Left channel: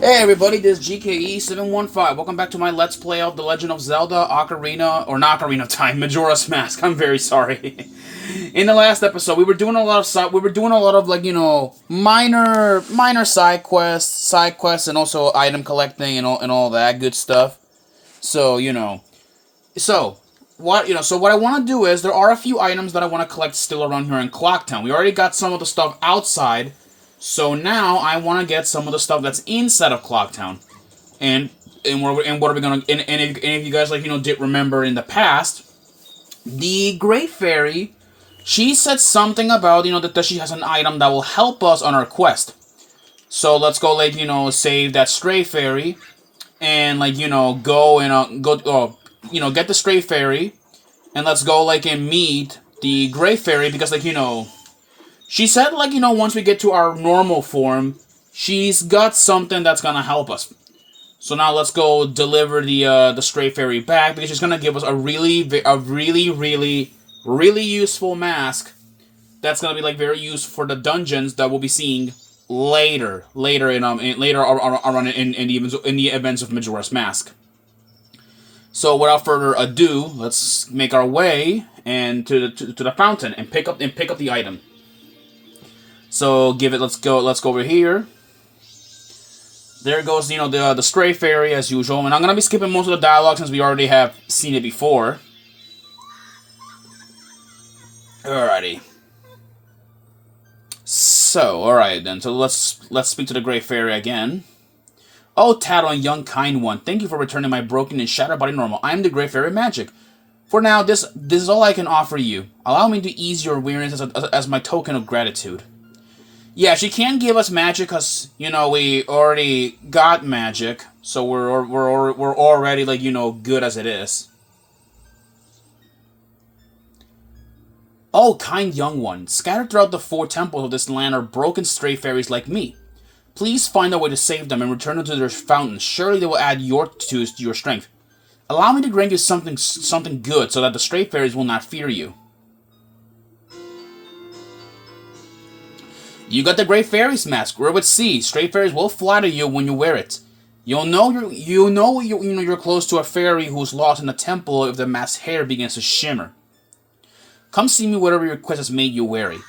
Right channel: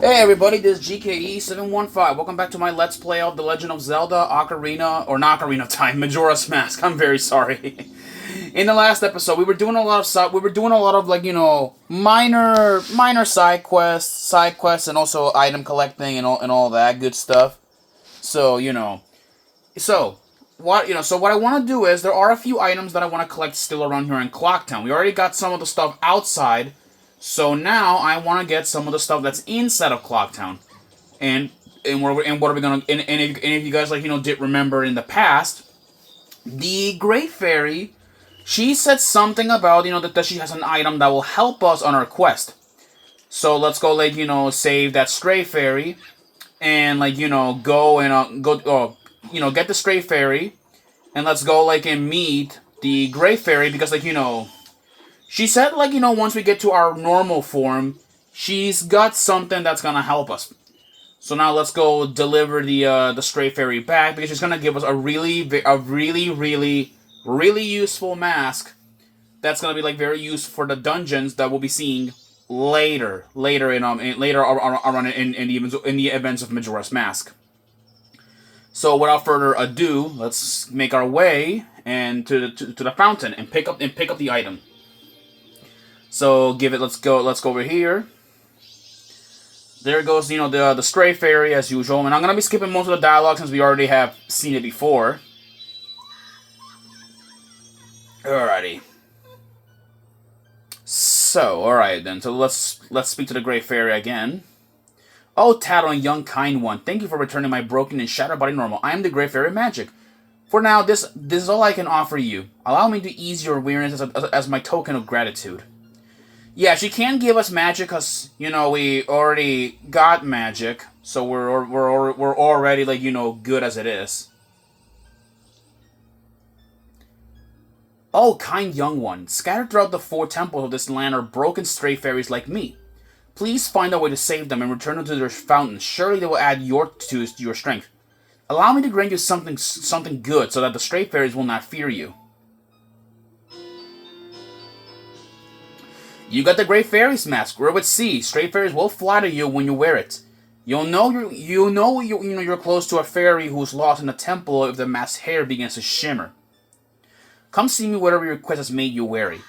Hey everybody, this is GKE715. Welcome back to my Let's Play of The Legend of Zelda Ocarina, or not Ocarina of Time, Majora's Mask. I'm very sorry. In the last episode, we were doing a lot of minor side quests, and also item collecting and all that good stuff. So so what I want to do is there are a few items that I want to collect still around here in Clocktown. We already got some of the stuff outside. So now I want to get some of the stuff that's inside of Clocktown, and what are we gonna and if you guys did remember in the past, the Great Fairy, she said something about that she has an item that will help us on our quest. So let's go save that Stray Fairy, and go and get the Stray Fairy, and let's go and meet the Great Fairy because she said, once we get to our normal form, she's got something that's gonna help us. So now let's go deliver the Stray Fairy back because she's gonna give us a really useful mask that's gonna be very useful for the dungeons that we'll be seeing later in the events of Majora's Mask. So without further ado, let's make our way and to the fountain and pick up the item. So let's go over here. There goes, the Stray Fairy as usual. And I'm going to be skipping most of the dialogue since we already have seen it before. Alrighty. So, alright then. So let's speak to the Great Fairy again. Oh, Taro and young kind one, thank you for returning my broken and shattered body normal. I am the Great Fairy Magic. For now, this is all I can offer you. Allow me to ease your weariness as my token of gratitude. Yeah, she can give us magic because we already got magic, so we're already good as it is. Oh, kind young one, scattered throughout the 4 temples of this land are broken stray fairies like me. Please find a way to save them and return them to their fountains. Surely they will add to your strength. Allow me to grant you something good so that the stray fairies will not fear you. You got the Great Fairy's mask. We're with sea. Stray fairies will flatter you when you wear it. You'll know you're close to a fairy who's lost in a temple if the mask's hair begins to shimmer. Come see me whatever your quest has made you wary.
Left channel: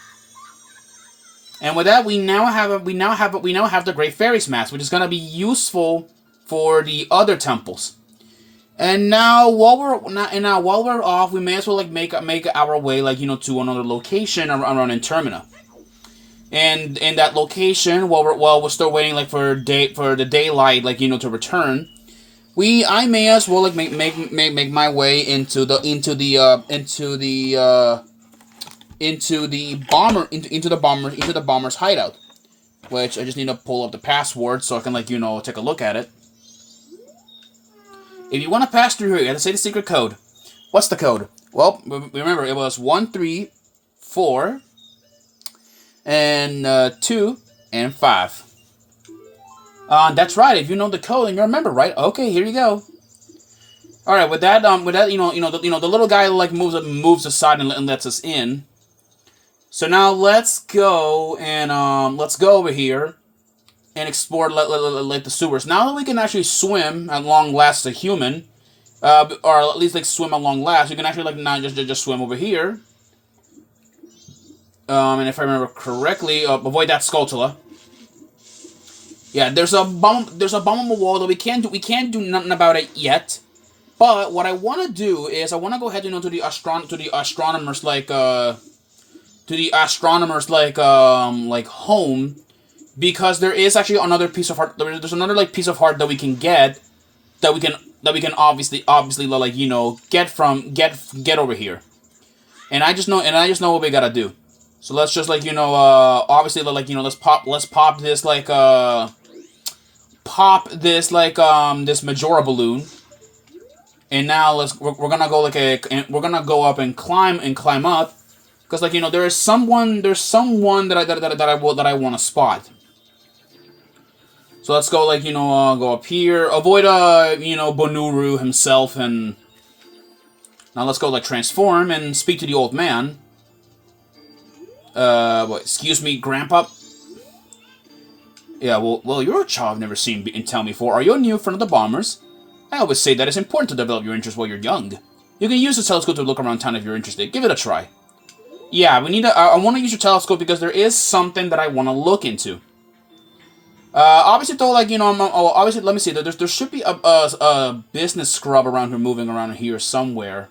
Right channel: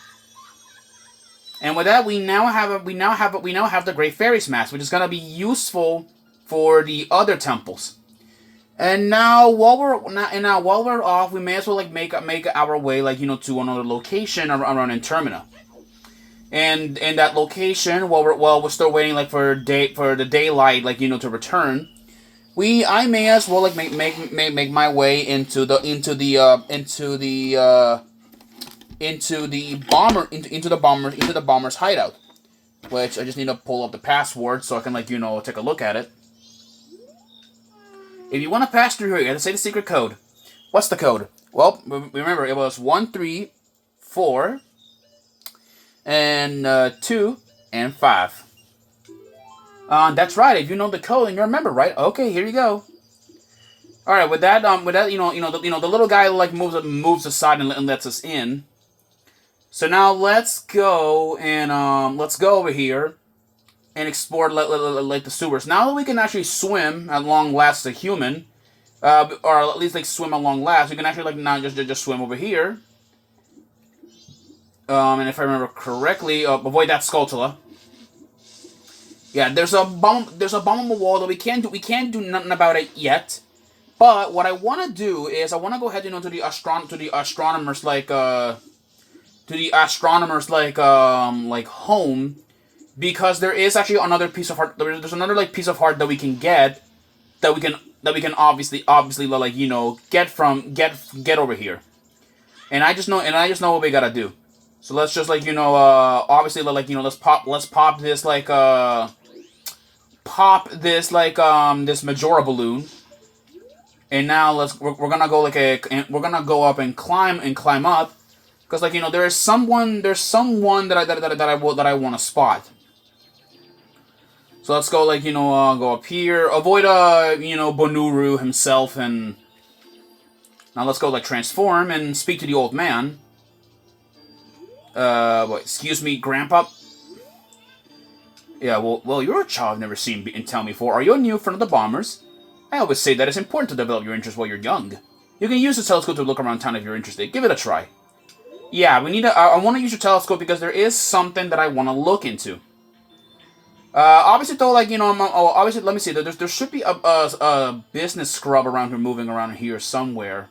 And with that, we now have the Great Fairy's mask, which is gonna be useful for the other temples. And now while we're off, we may as well make our way to another location around in Termina. And in that location, while we're still waiting for the daylight to return, I may as well make my way into the bomber's hideout, which I just need to pull up the password so I can take a look at it. If you want to pass through here, you have to say the secret code. What's the code? Well, remember it was 134. And 2 and 5. That's right. If you know the code and you remember, right? Okay, here you go. All right. With that, the little guy moves aside and lets us in. So now let's go over here and explore the sewers. Now that we can actually swim at long last as a human, or at least swim at long last, we can actually now just swim over here. And if I remember correctly, avoid that Skulltula. Yeah, there's a bomb on the wall that we can't do nothing about it yet. But what I want to do is I want to go ahead to the astronomers home, because there is actually another piece of heart. There's another piece of heart that we can get that we can obviously get over here. And I just know what we gotta do. So let's just obviously let's pop this this Majora balloon, and now we're gonna go up and climb up, because there's someone that I want to spot. So let's go go up here, avoid Bonuru himself, and now let's go transform and speak to the old man. Excuse me, Grandpa. Yeah, well, you're a child I've never seen in town before. Are you a new friend of the Bombers? I always say that it's important to develop your interest while you're young. You can use the telescope to look around town if you're interested. Give it a try. Yeah, we need to. I want to use your telescope because there is something that I want to look into. Obviously, though, like, obviously, let me see. There should be a business scrub around here, moving around here somewhere.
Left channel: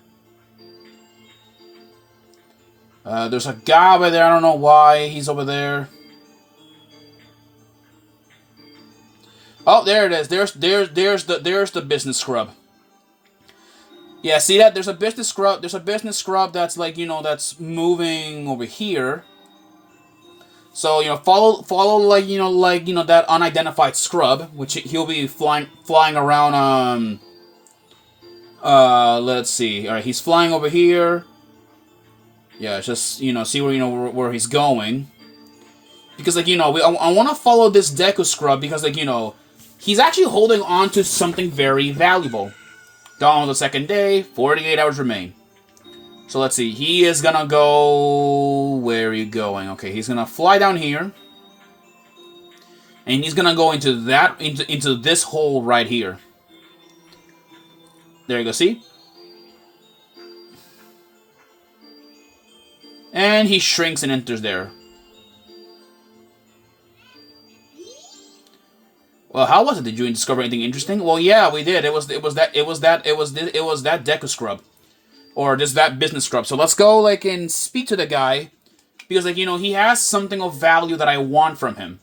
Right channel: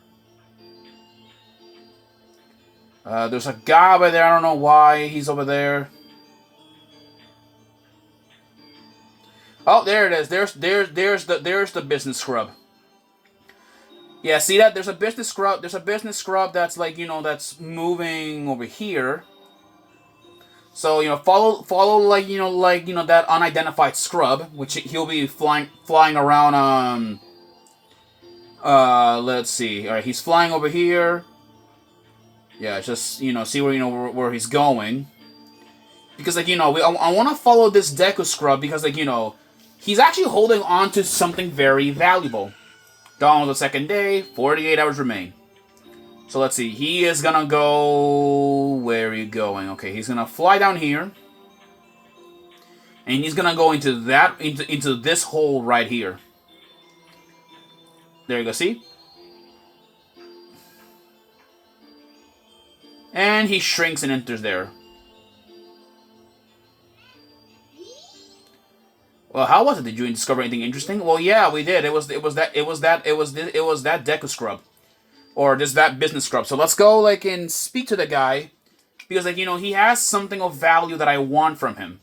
There's a guy over there. I don't know why he's over there. Oh, there it is. There's the business scrub. Yeah, see that? There's a business scrub. There's a business scrub that's like, that's moving over here. So, follow like, that unidentified scrub, which he'll be flying around, let's see. All right, he's flying over here. Yeah, just, see where he's going. Because, like, I want to follow this Deku scrub because, like, he's actually holding on to something very valuable. Dawn of the second day, 48 hours remain. So let's see, he is gonna go... Where are you going? Okay, he's gonna fly down here. And he's gonna go into this hole right here. There you go, see? And he shrinks and enters there. Well, how was it? Did you discover anything interesting? Well, yeah, we did. It was that Deku scrub. Or that business scrub. So let's go, like, and speak to the guy. Because, like, he has something of value that I want from him.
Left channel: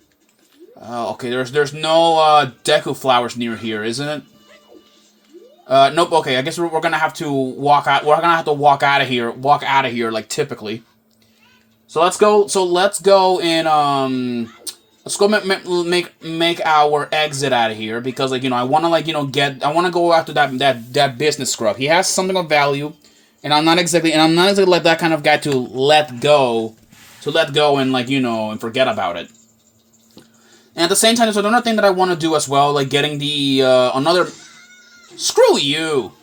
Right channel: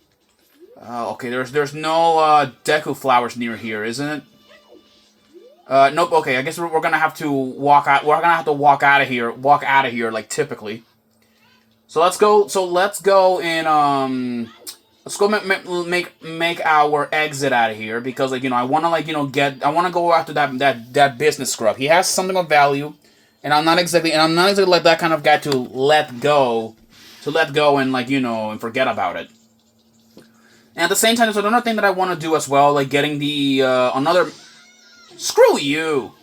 Okay, there's no, Deku flowers near here, isn't it? Nope, okay, I guess we're gonna have to walk out. We're gonna have to walk out of here, like, typically. So let's go and, let's go make our exit out of here. Because, like, I wanna, like, I wanna go after that business scrub. He has something of value. And I'm not exactly like that kind of guy to let go and, like, and forget about it. And at the same time, there's another thing that I want to do as well, like getting the another. Screw you!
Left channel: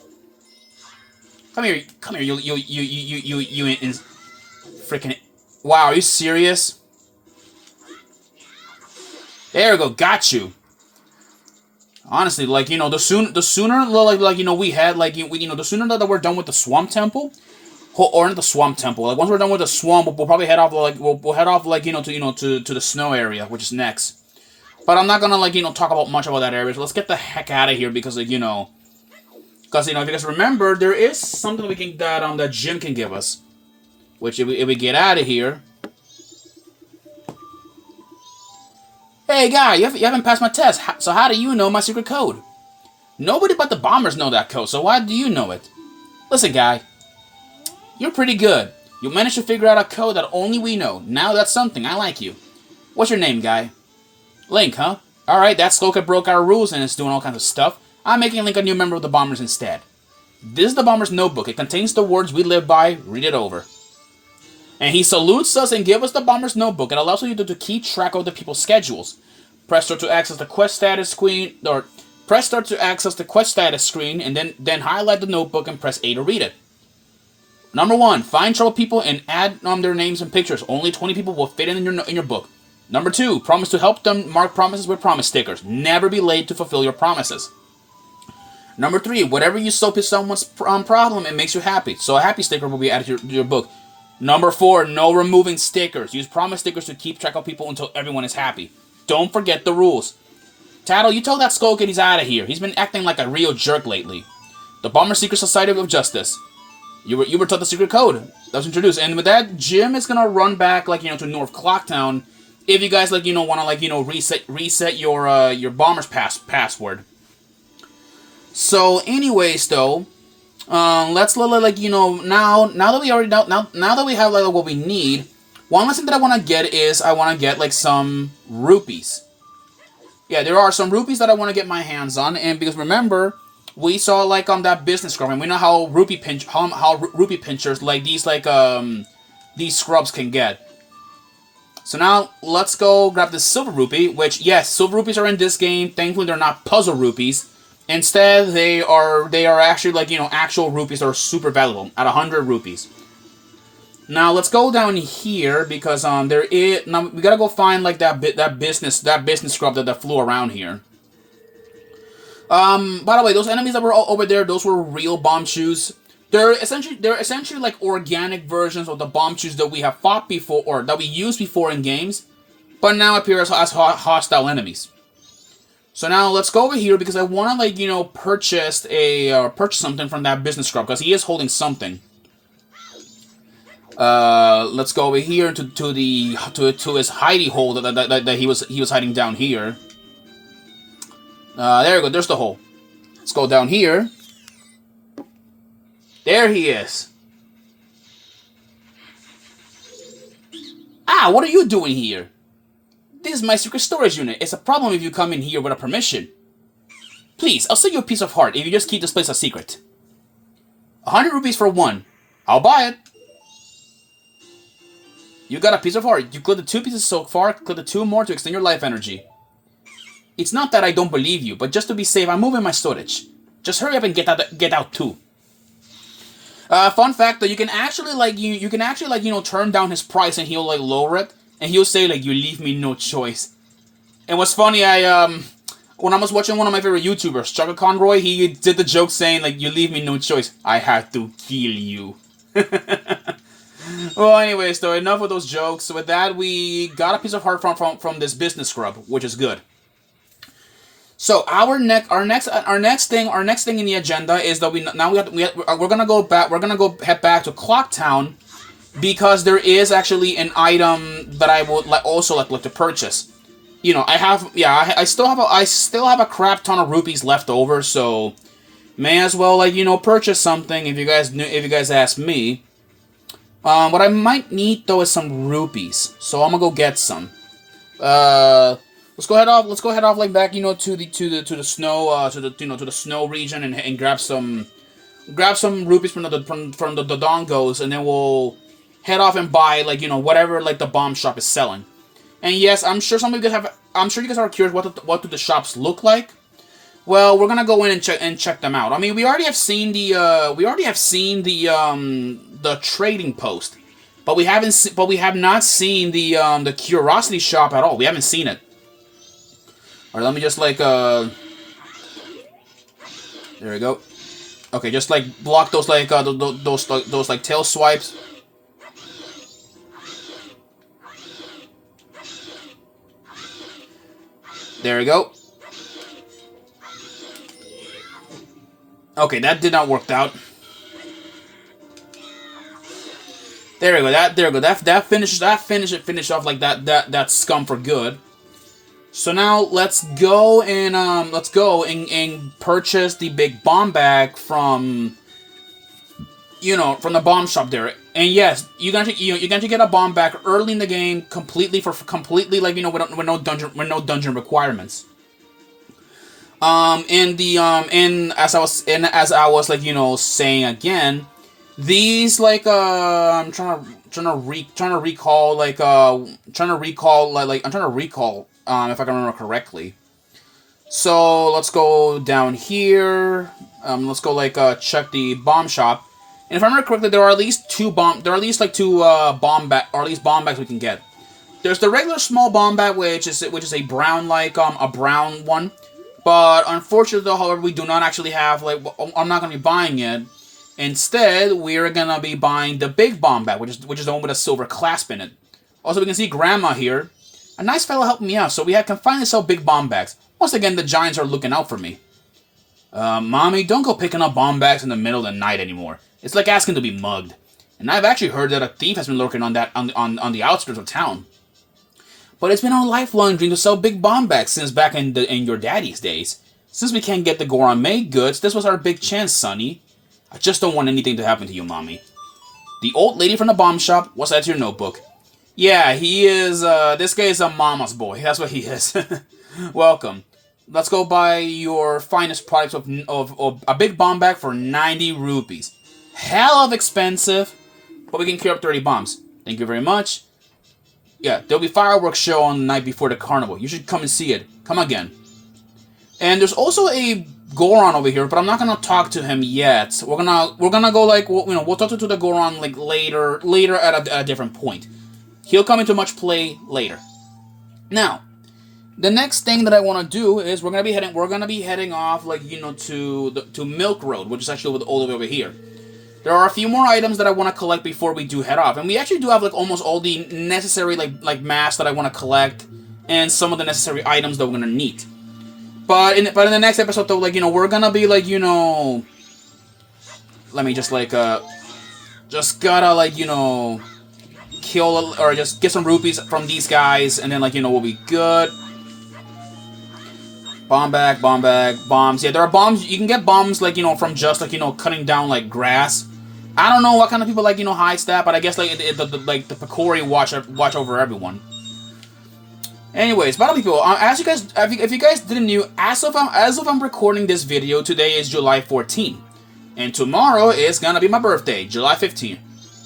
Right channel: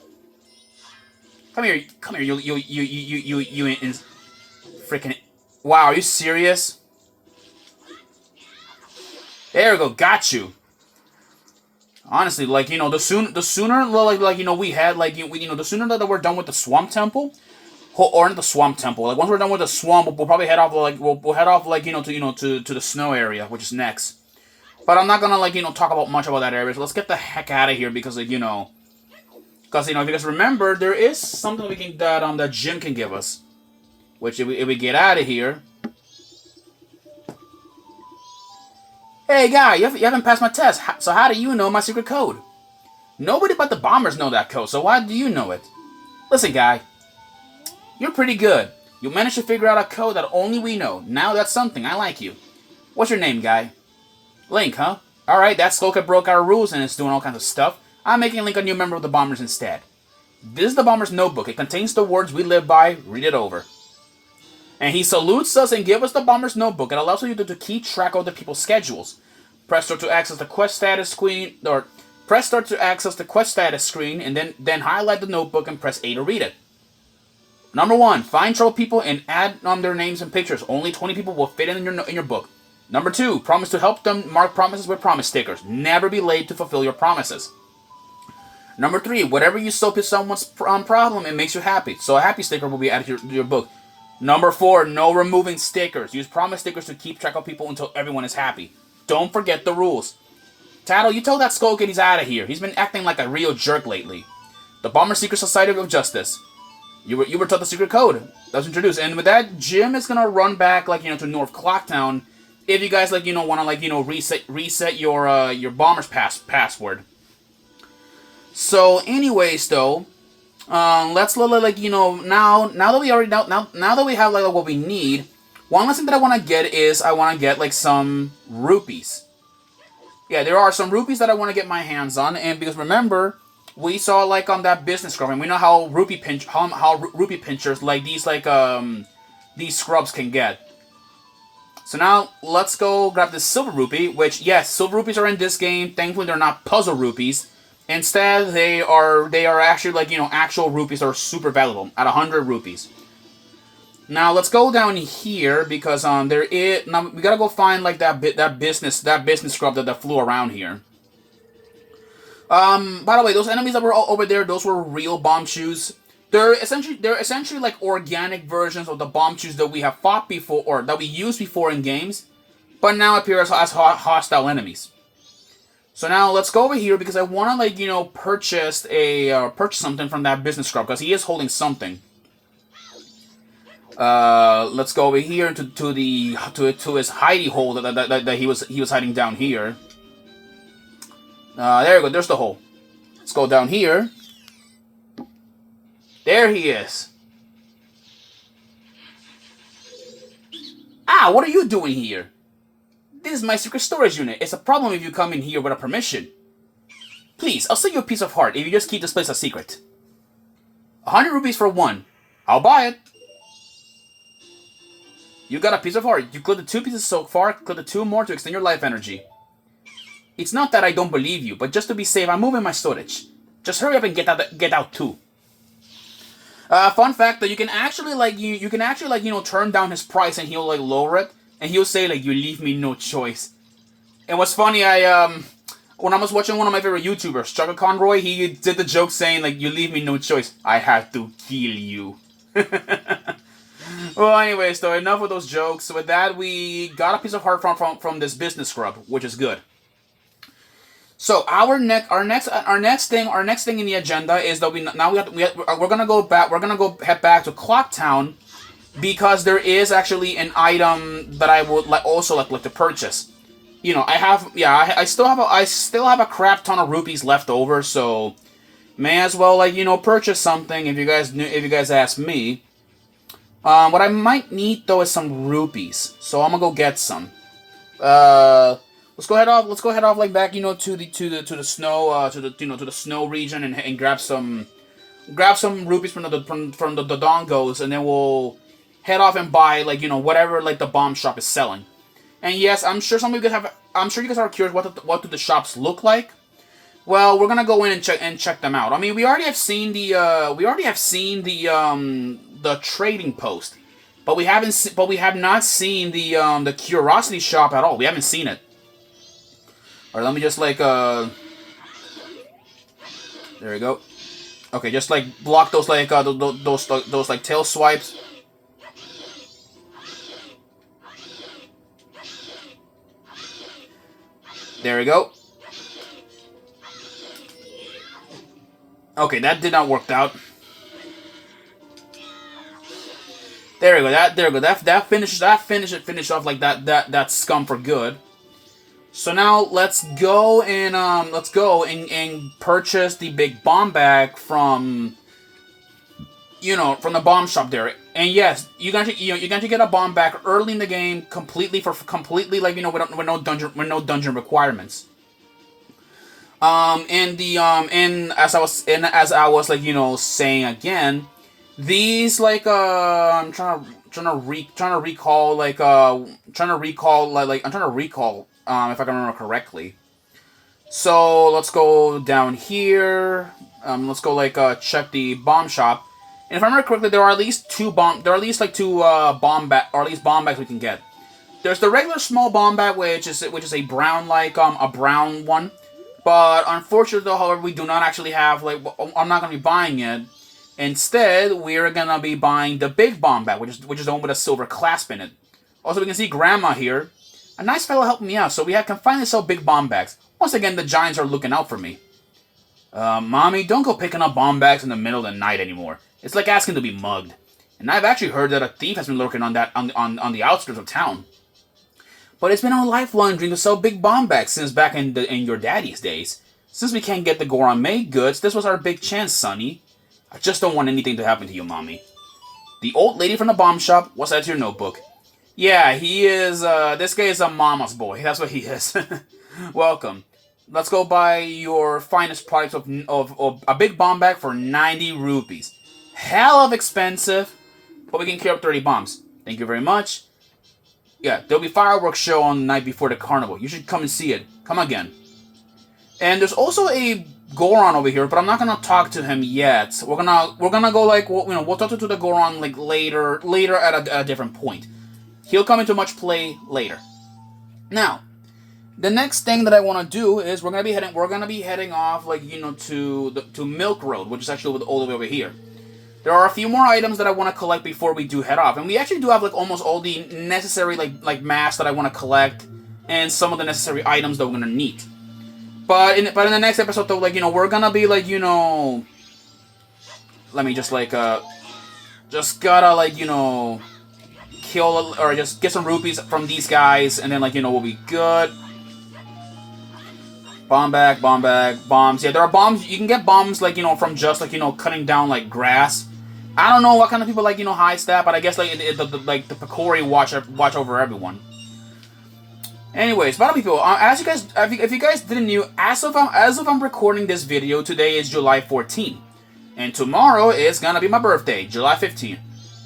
Come here, you in freaking. Wow, are you serious? There we go, got you. Honestly, like, the sooner, like, we had, like, the sooner that we're done with the Swamp Temple, or not the Swamp Temple, like, once we're done with the Swamp, we'll probably head off, like, we'll head off, like, to the snow area, which is next. But I'm not gonna, like, talk about much about that area, so let's get the heck out of here, because, like, because remember, there is something that Jim can give us, which, if we get out of here. Hey, guy, you haven't passed my test, so how do you know my secret code? Nobody but the Bombers know that code, so why do you know it? Listen, guy, you're pretty good. You managed to figure out a code that only we know. Now that's something. I like you. What's your name, guy? Link, huh? Alright, that Slowcat broke our rules and is doing all kinds of stuff. I'm making Link a new member of the Bombers instead. This is the Bombers notebook. It contains the words we live by. Read it over. And he salutes us and gives us the Bomber's notebook. It allows you to keep track of the people's schedules. Press start to access the quest status screen, or press start to access the quest status screen, and then highlight the notebook and press A to read it. Number 1, find trouble people and add their names and pictures. Only 20 people will fit in your book. Number 2, promise to help them mark promises with promise stickers. Never be late to fulfill your promises. Number 3, whatever you solve is someone's problem, it makes you happy. So a happy sticker will be added to your book. Number 4, no removing stickers. Use promise stickers to keep track of people until everyone is happy. Don't forget the rules. Tattle, you tell that Skullkid he's out of here. He's been acting like a real jerk lately. The Bomber Secret Society of Justice. You were taught the secret code that was introduced. And with that, Jim is gonna run back, like, to North Clocktown. If you guys, like, want to, like, reset your Bomber's password. So, anyways, though, let's, like, now that we already now that we have, like, what we need, one last thing that I want to get is I want to get, like, some rupees. Yeah, there are some rupees that I want to get my hands on, and because remember, we saw, like, on that business scrub, and we know how rupee pinchers like these scrubs can get. So now let's go grab this silver rupee, which, yes, silver rupees are in this game. Thankfully, they're not puzzle rupees. Instead, they are actually, like, actual rupees that are super valuable at 100 rupees. Now let's go down here because there is now we gotta go find like that business scrub that flew around here. By the way, those enemies that were all over there, those were real bomb shoes. They're essentially like organic versions of the bomb shoes that we have fought before or that we used before in games, but now appear as hostile enemies. So now let's go over here because I want to purchase something from that business scrub because he is holding something. Let's go over here to his hidey hole that he was hiding down here. There we go. There's the hole. Let's go down here. There he is. Ah, what are you doing here? This is my secret storage unit. It's a problem if you come in here without permission. Please, I'll sell you a piece of heart if you just keep this place a secret. 100 rupees for one. I'll buy it. You got a piece of heart. You collected 2 pieces so far, collected 2 more to extend your life energy. It's not that I don't believe you, but just to be safe, I'm moving my storage. Just hurry up and get out too. Fun fact though, you can actually turn down his price and he'll lower it, and he'll say you leave me no choice. And what's funny, when I was watching one of my favorite YouTubers, Chuck Conroy, he did the joke saying you leave me no choice. I have to kill you. Well, anyways, though, enough of those jokes. With that, we got a piece of heart from this business scrub, which is good. So our next thing in the agenda is that we're gonna go head back to Clocktown because there is actually an item that I would also like to purchase. I still have a crap ton of rupees left over, so may as well purchase something if you guys ask me. What I might need though is some rupees, so I'm gonna go get some. Let's go head off back to the snow region and grab some rupees from the dongos, and then we'll head off and buy whatever the bomb shop is selling. And yes, I'm sure you guys are curious what do the shops look like. Well, we're gonna go in and check them out. I mean, we already have seen the trading post, but we have not seen the curiosity shop at all. We haven't seen it. Or let me just there we go. Okay, just block those those tail swipes. There we go. Okay, that did not work out. There we go. That finished off that scum for good. So now let's go and purchase the big bomb bag from the bomb shop there. And yes, you're going to get a bomb bag early in the game, completely with no dungeon requirements. And as I was saying again, these I'm trying to recall if I can remember correctly. So let's go down here. Let's go check the bomb shop. And if I remember correctly, there are at least two bomb bags we can get. There's the regular small bomb bag, which is a brown one. But unfortunately, however, we do not actually have I'm not gonna be buying it. Instead, we're gonna be buying the big bomb bag, which is the one with a silver clasp in it. Also, we can see Grandma here. A nice fellow helped me out, so we can finally sell big bomb bags. Once again, the giants are looking out for me. Mommy, don't go picking up bomb bags in the middle of the night anymore. It's like asking to be mugged. And I've actually heard that a thief has been lurking on the outskirts of town. But it's been our lifelong dream to sell big bomb bags since back in your daddy's days. Since we can't get the Goron made goods, this was our big chance, Sonny. I just don't want anything to happen to you, Mommy. The old lady from the bomb shop, what's that to your notebook? Yeah, he is, this guy is a mama's boy. That's what he is. Welcome. Let's go buy your finest products of a big bomb bag for 90 rupees. Hell of expensive, but we can clear up 30 bombs. Thank you very much. Yeah, there'll be fireworks show on the night before the carnival. You should come and see it. Come again. And there's also a Goron over here, but I'm not gonna talk to him yet. We're gonna go like we'll talk to the Goron like later at a different point. He'll come into much play later. Now, the next thing that I want to do is we're gonna be heading off like to Milk Road, which is actually all the way over here. There are a few more items that I want to collect before we do head off, and we actually do have like almost all the necessary like mass that I want to collect, and some of the necessary items that we're gonna need. But in the next episode though, like we're gonna be like let me just like just gotta like kill or just get some rupees from these guys, and then like we'll be good. Bomb bag, bombs. Yeah, there are bombs. You can get bombs like from just like cutting down like grass. I don't know what kind of people like hide that, but I guess like the Picori watch over everyone. Anyways, but people, as you guys, if you guys didn't know, as of I'm recording this video, today is July 14th, and tomorrow is gonna be my birthday, July 15th.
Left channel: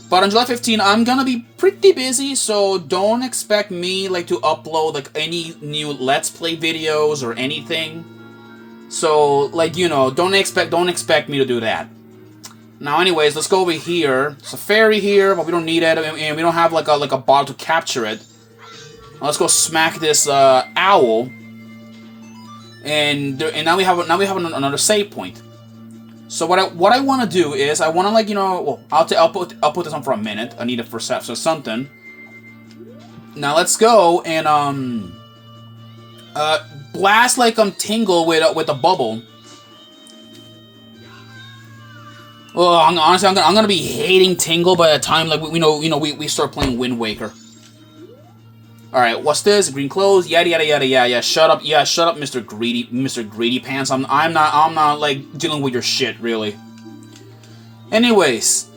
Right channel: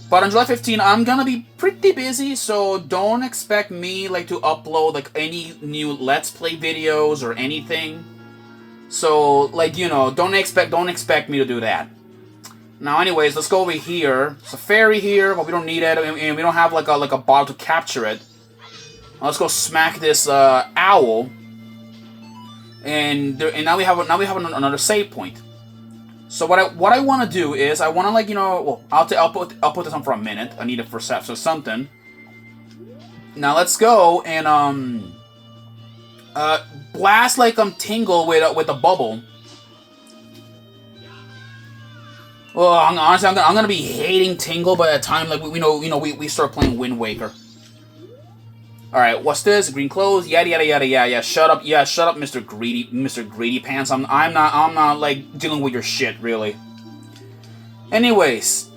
But on July 15th, I'm gonna be pretty busy, so don't expect me like to upload like any new Let's Play videos or anything. So like don't expect me to do that. Now, anyways, let's go over here. It's a fairy here, but we don't need it, and we don't have like a bottle to capture it. Now let's go smack this owl, and now we have another save point. So what I want to do is I want to like well I'll put this on for a minute. I need it for something. Now let's go and blast like Tingle with a bubble. Well, honestly, I'm gonna be hating Tingle by the time like we start playing Wind Waker. All right, what's this? Green clothes, yada yada yada yada. Yeah, shut up, Mr. Greedy Pants. I'm not like dealing with your shit really. Anyways,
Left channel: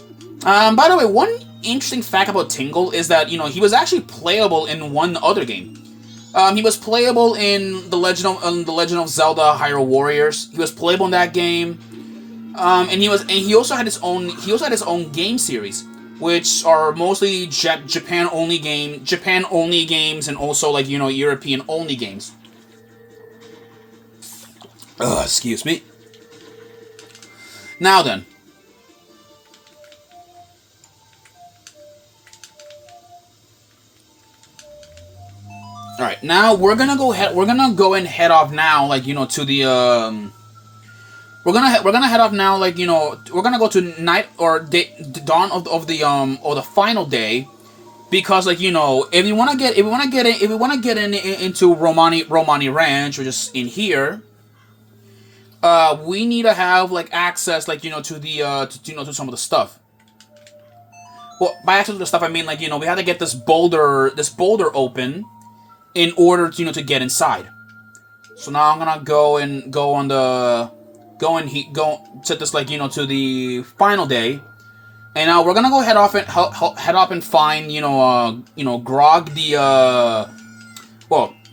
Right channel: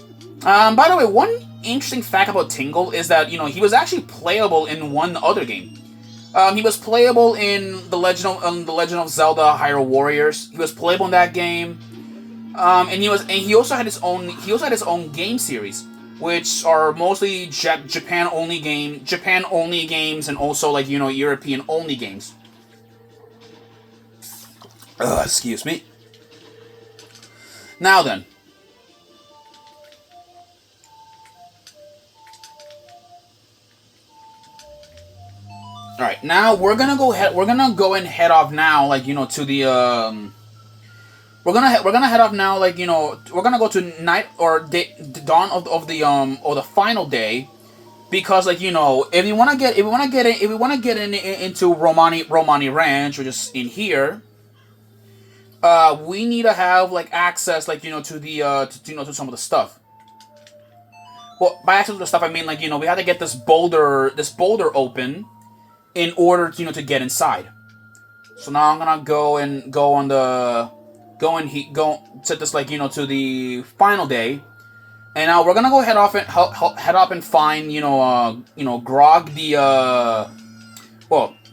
by the way, one interesting fact about Tingle is that he was actually playable in one other game. He was playable in the Legend of Zelda: Hyrule Warriors. He was playable in that game, and he also had his own game series, which are mostly Japan only games, and also like European only games. Excuse me. Now then. All right, now we're gonna go and head off now, like to the We're gonna head off now, like we're gonna go to night or dawn of the final day, because like if we wanna get into Romani Ranch, which is in here, we need to have like access like to the to some of the stuff. Well, by access to the stuff I mean like we have to get this boulder open in order to get inside. So now I'm gonna go set this like to the final day, and now we're gonna go head off and find Grog the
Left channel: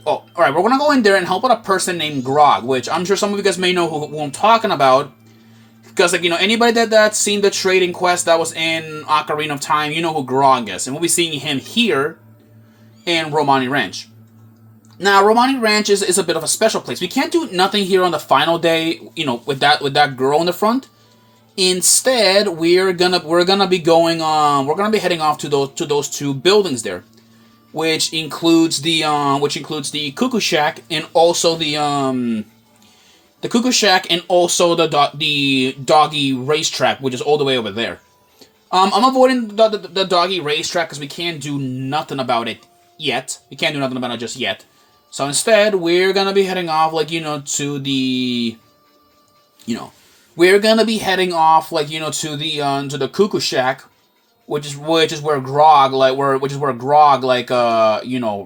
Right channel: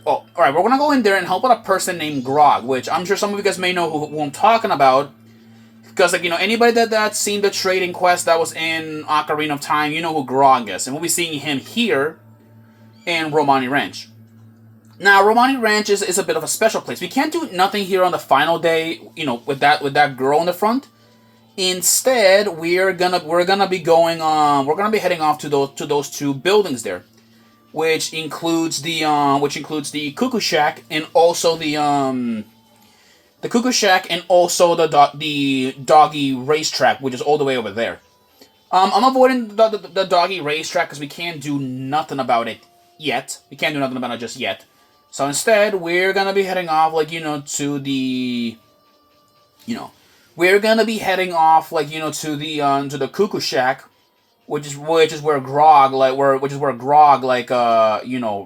all right, we're gonna go in there and help out a person named Grog, which I'm sure some of you guys may know who I'm talking about, because like anybody that's seen the trading quest that was in Ocarina of Time, you know who Grog is, and we'll be seeing him here in Romani Ranch. Now, Romani Ranch is a bit of a special place. We can't do nothing here on the final day, with that girl in the front. Instead, we're gonna be heading off to those two buildings there, which includes the Cuckoo Shack and also the Cuckoo Shack and also the doggy racetrack, which is all the way over there. I'm avoiding the doggy racetrack because we can't do nothing about it yet. We can't do nothing about it just yet. So instead, we're gonna be heading off, like to the, we're gonna be heading off, like to the Cuckoo Shack, which is where Grog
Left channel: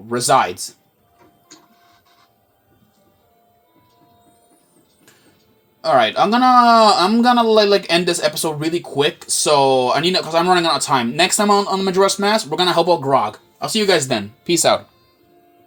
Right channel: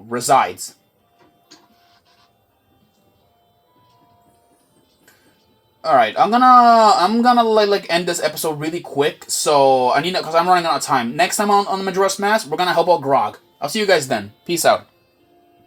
resides. All right, I'm gonna like end this episode really quick. So I need because I'm running out of time. Next time on the Majora's Mask, we're gonna help out Grog. I'll see you guys then. Peace out.